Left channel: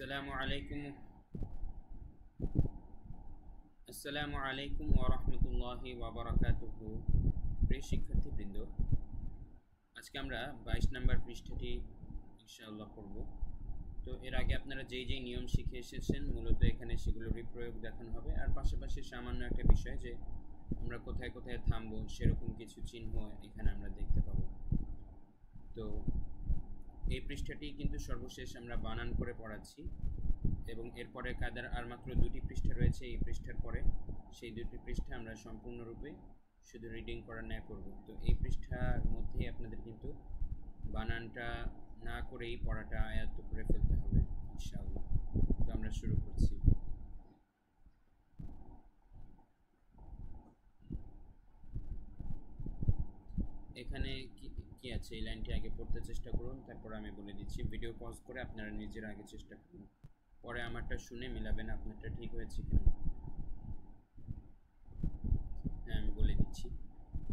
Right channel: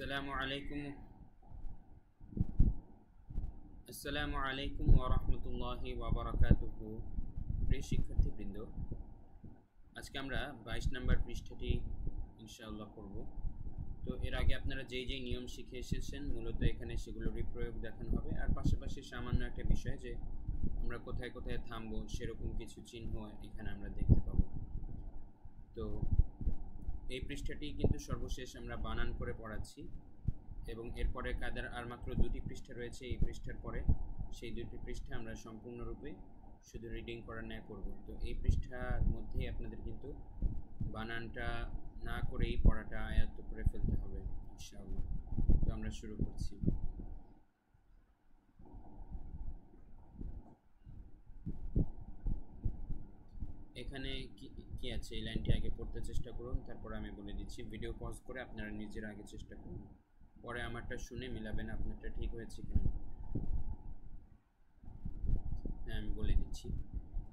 আসসালামু আলাইকুম আসসালামু আলাইকুম ওয়া রাহমাতুল্লাহি ওয়া বারাকাতুহু। প্রিয় শিক্ষার্থীবৃন্দ, আজকে আমরা 22 নম্বর পৃষ্ঠাটি ইনশাআল্লাহ পড়ব। তো এর আগে আপনারা যেই নিয়ম শিখে এসেছেন মূলত এখানে সেগুলোরই প্রয়োগ দেখানো হবে, আর পাশাপাশি সামান্য একটা বিষয় যে আমরা কোথায় কোথায় থামবো সেরকম কিছু চিহ্ন এখানে আমরা দেখতে পাবো। তো এই পৃষ্ঠাটি কিন্তু সর্বশেষ আমরা বানান করে পড়াচ্ছি এবং এরপরে কায়দার আর মাত্র দুটি পৃষ্ঠা রয়েছে এই পৃষ্ঠার পরে। সেই দুটি পৃষ্ঠা আমরা সম্পূর্ণরূপে শুধু রিডিং করার ন্যায় করব। তো এই পৃষ্ঠার মধ্যেই আপনাদের কিন্তু বানানটা না করেই পড়াটা আয়ত্ত করে ফেলতে হবে ইনশাআল্লাহ। তো আমরা শুরু করছি। এখানে কি আছে এই লাইনটি আগে পড়তে চেষ্টা করুন, তারপর আমি বলে দিচ্ছি। ভিডিও পজ করে আপনারা নিজেরা আগে চেষ্টা করুন, পরে আমারটা শুনে মিলাবেন আপনারটা ঠিক হয়েছে কিনা। হ্যাঁ, আমি বলে দিচ্ছি।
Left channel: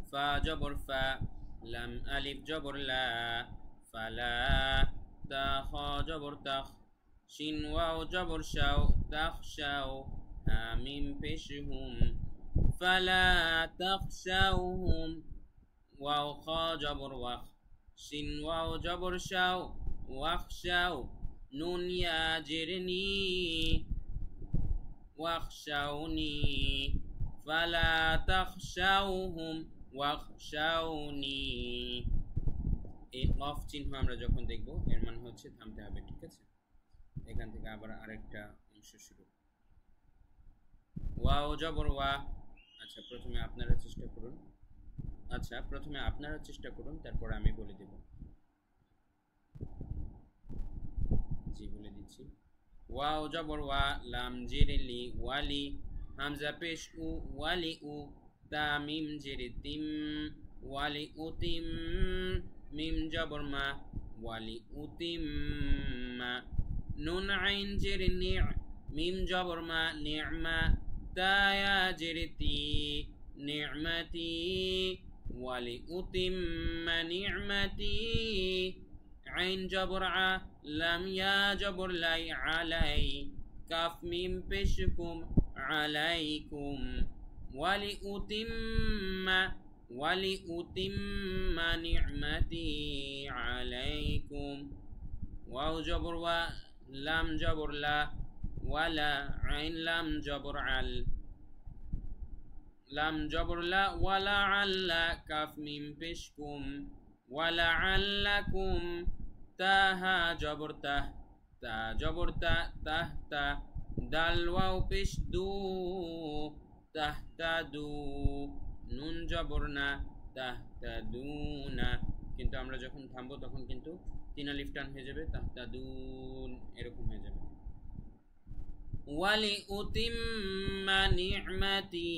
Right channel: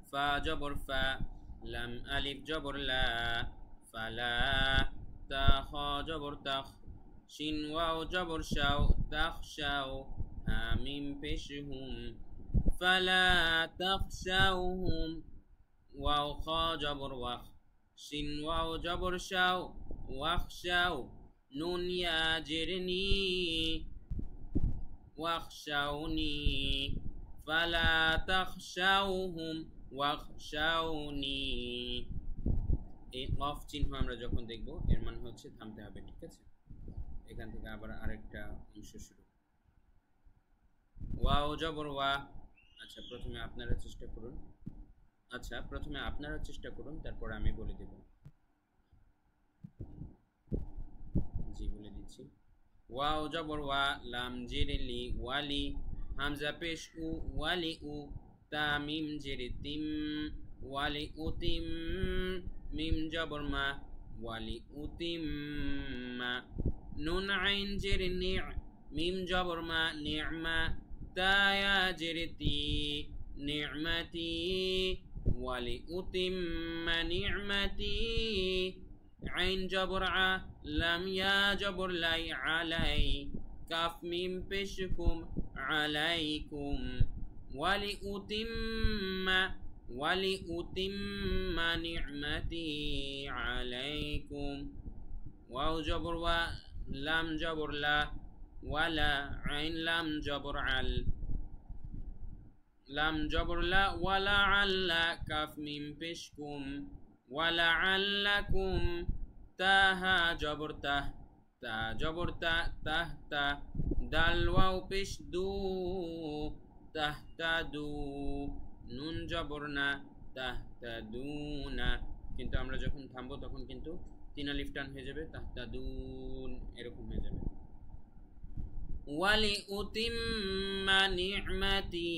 ফা জবর ফা, লাম আলিফ জবর লা, ফালা। তা খ জবর তাখ, শিন ওয়াও জবর শাও, তাখ শাও। হা মিম পেশ হুম, ফালা তাখশাউহুম। ওয়াও খ জবর ওয়াখ, শিন ওয়াও জবর শাও, ওয়াখশাও। নুন ইয়া জেরনি, ওয়াখশাউনি। ফালা তাখশাউহুম ওয়াখশাউনি। এই অফ চিহ্ন আমরা যখন দেখব এর মানে হচ্ছে থামতে হবে, ঠিক আছে? এখান থেকে আবার আরেকটা অংশ শুরু। ওয়াও জবর ওয়া। প্রথমে আপনারা চেষ্টা করুন, তারপর আমি বলে দেব। জি, বলে দিচ্ছি। ওয়াও জবর ওয়া, লাম জেরে লি, ওয়ালি। হামজা পেশ উ, ওয়ালি উ। তা মিম জেরে তিম, ওয়ালি উতিম। মিম জবর মা, ওয়ালি উতিম মা। নুন আইন জেরে নি, মিম জবর মা, নি'মা। তা ইয়া জেরে তি, নি'মাতি। ওয়ালি উতিম্মা নি'মাতি। আইন জবর আ, লাম ইয়া জবর লাই, আলাই। কাফ মিম পেশ কুম, আলাইকুম। ওয়ালি উতিম্মা নি'মাতি আলাইকুম। ওয়াও জবর ওয়া, লাম জবর লা, ওয়ালা। আইন লাম জবর আল, লাম জবর লা, ওয়ালা আল্লা। কাফ মিম পেশ কুম, ওয়ালা আল্লাকুম। তাহা জবর তাহ, তা জবর তা, তাহ তা। দাল ওয়াও পেশ দু, তাহতা দু। নুন জবর না, তাহতা দুনা। কিন্তু আমরা যখন থামবো তখন কিন্তু তিন আলিফ টান হয়ে যাবে, তাহতা দুন এরকম হয়ে যাবে। ওয়ালি উতিম্মা নি'মাতি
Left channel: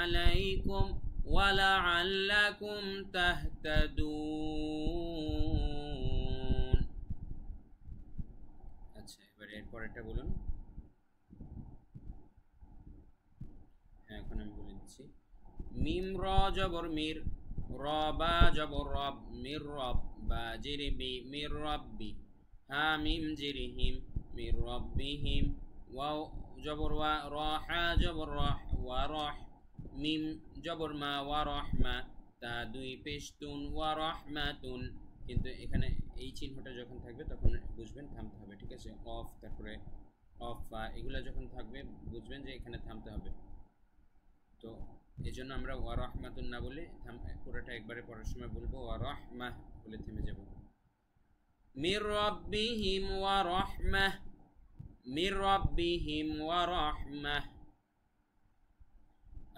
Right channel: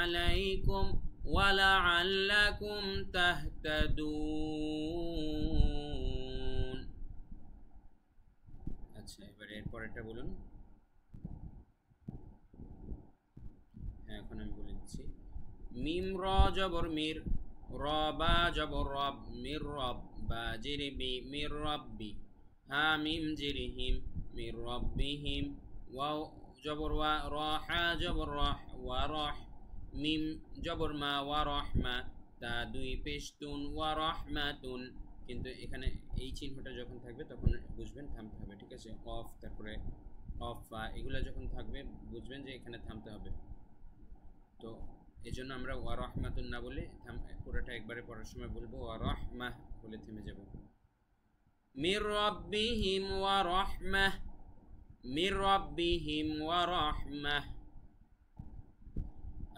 আলাইকুম ওয়ালাআল্লাকুম তাহতাদুন। এবারে এর পরেরটা বলুন। হ্যাঁ, এখন আমি বলে দিচ্ছি। মিম র জবর মির, র বা জবর রব, মির রব। বা জেরে বি, মির রব্বি। হা মিম জেরে হিম, মির রব্বিহিম। ওয়াও জবর ওয়া, র হা জবর রহ, ওয়া রহ। মিম জবর মা, ওয়া রহমা। তা দুই পেশতুন, ওয়া রহমাতুন। কিন্তু এখানে এই চিহ্নটা যখন থাকবে তখন বুঝবেন থামতে হবে, ঠিক আছে? অফ, তারপরে অফ, এগুলো যখন থাকবে বুঝবেন যে এখানে থামতে হবে। তো এই জন্য আমরা ওয়া রহমাতুন না বলে পুরোটা একবারে পড়ার সময় বলবো ওয়া রহমাহ বলে থেমে যাব। মির রাব্বিহিম ওয়া রাহমাহ, মির রাব্বিহিম ওয়া রাহমাহ।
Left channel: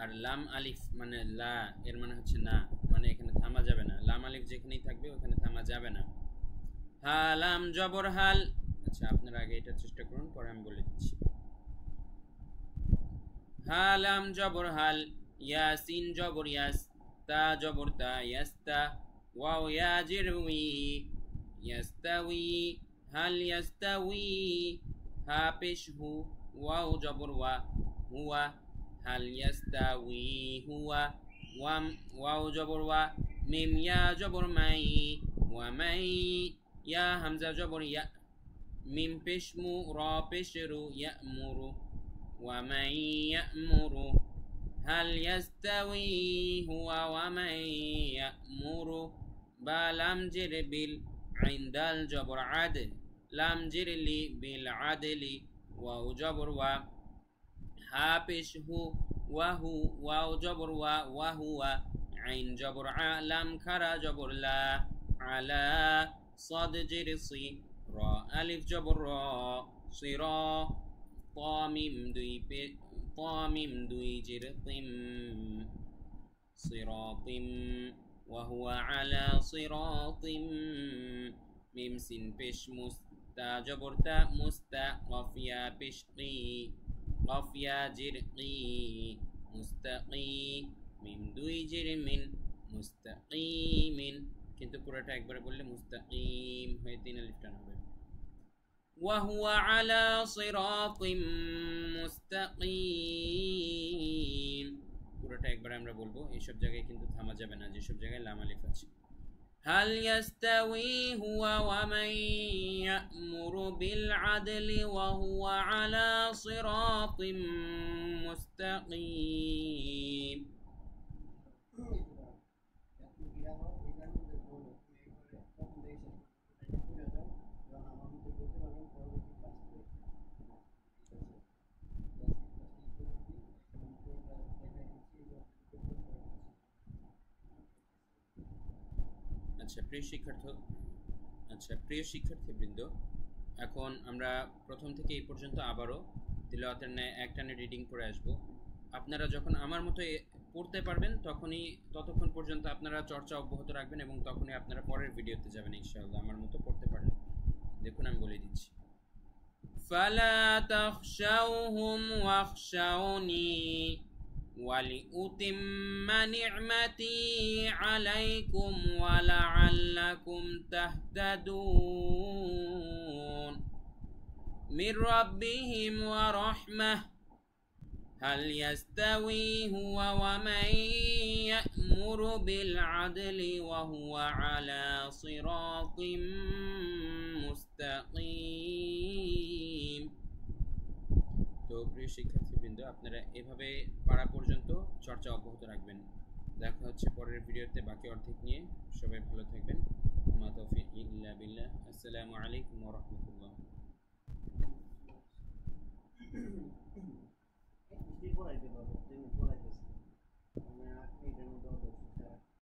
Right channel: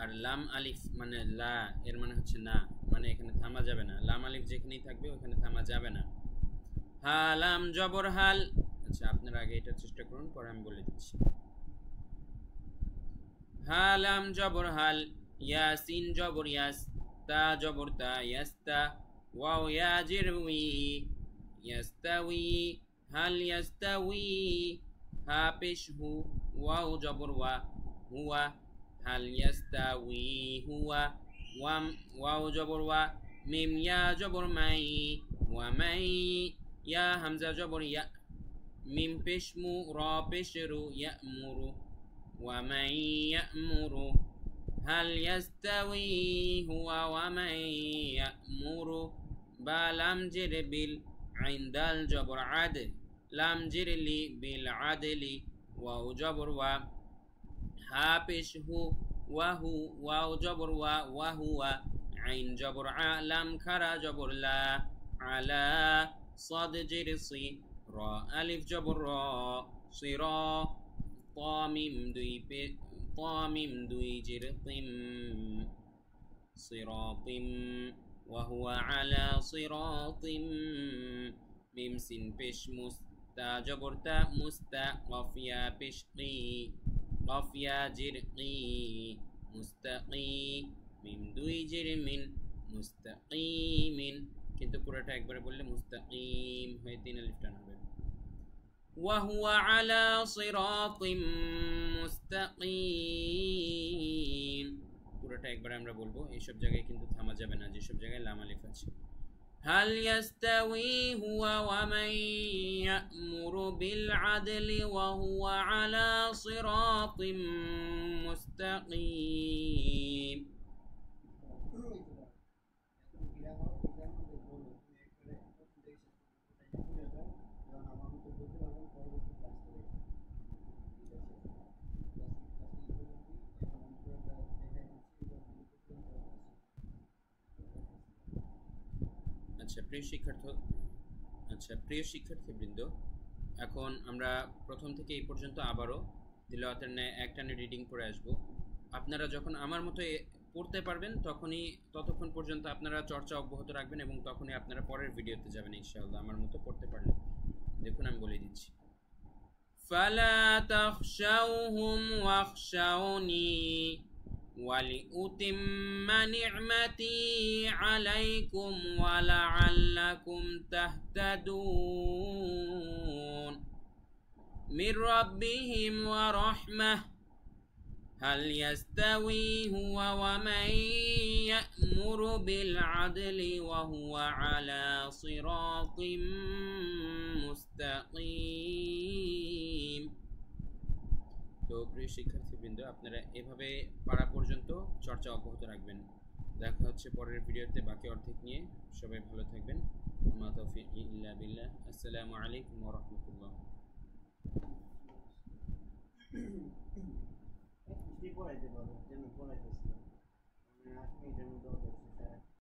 আর লাম আলিফ মানে লা, এর মানে হচ্ছে না, মানে এখানে থামা যাবে না। লাম আলিফ যেখানেই থাকবে ওখানে থামা যাবে না। হা লাম জবর হাল। আপনারা আগে এটা চেষ্টা করুন, পরে আমি বলে দিচ্ছি। হা লাম জবর হাল, ইয়াসিন জবর ইয়াস, তা জবর তা, ইয়াস্তা। ওয়াও ইয়া জের উই, ইয়াস্তাউই। হাল ইয়াস্তাউই। হা পেশ হু, ওয়াও জবর ওয়া, হুয়া। হাল ইয়াস্তাউই হুয়া। ওয়াও জবর ওয়া, মিম ইয়া জবর মাই, ওয়া মাই। ইয়া হামজা জবর ইয়া, মিম পেশমু র পেশরু ইয়ামুরু ওয়া মান ইয়ামুরু হাল ইয়াস্তাউই হুয়া ওয়া মান ইয়ামুরু বা লাম জের বিল আইন দাল জবর আদ লাম জের লি বিল আদলি ওয়াও জবর ওয়া হা পেশ হু ওয়াহু ওয়াও জবর ওয়া ওয়াহুয়া আইন জবর আ লাম খারা জবর লা আলা صاد জের সি র আলিফ জবর র সির তামিম দুই জের তিম সিরাতিম وهو على صراط মিম সিন পেশ মুস্তা জবর তা মুস্তা কফিয়া পেশ কি কফিয়া জির কি মুস্তাকি মিম দুই জির মিন মুস্তাকিমিন কিন্তু পুরোটা একবারে বললে মুস্তাকিম হয়ে তিন আলিফ টান হবে وهو على صراط مستقيم পুরোটা একবারে আমরা বলবো এই সব জায়গায় কিন্তু থামা যাবে না যে সব জায়গায় লাম আলিফ আছে هل يستوي هو ومن يأمر بالعدل وهو على صراط مستقيم প্রিয় শিক্ষার্থীবৃন্দ এখন আমরা প্রথম থেকে এই পর্যন্ত আবারও তিলাওয়াতের ন্যায় একটানে রিডিং করে আসব আপনারা যখন আমার মতো পড়তে পারবেন ততক্ষণ পর্যন্ত আপনারা চর্চা অব্যাহত রাখবেন এবং তখনই আপনারা পরের ভিডিওতে যাবেন ইনশাআল্লাহ আমার মতো পড়তে পারলে দেখুন আমি বলে দিচ্ছি ফালা তাখশাউহুম ওয়াখশাউনি ولأتم نعمتي عليكم ولعلكم تهتدون من ربهم ورحمة هل يستوي هو ومن يأمر بالعدل وهو على صراط مستقيم তো প্রিয় শিক্ষার্থীবৃন্দ আপনারা এভাবে পারা পর্যন্ত চর্চা অব্যাহত রাখবেন দেখা হচ্ছে পরের ভিডিওতে বাকি অর্ধেক নিয়ে সবাই ভালো থাকবেন মা তৌফিক ইল্লা বিল্লাহ আসসালামু আলাইকুম ওয়া রাহমাতুল্লাহ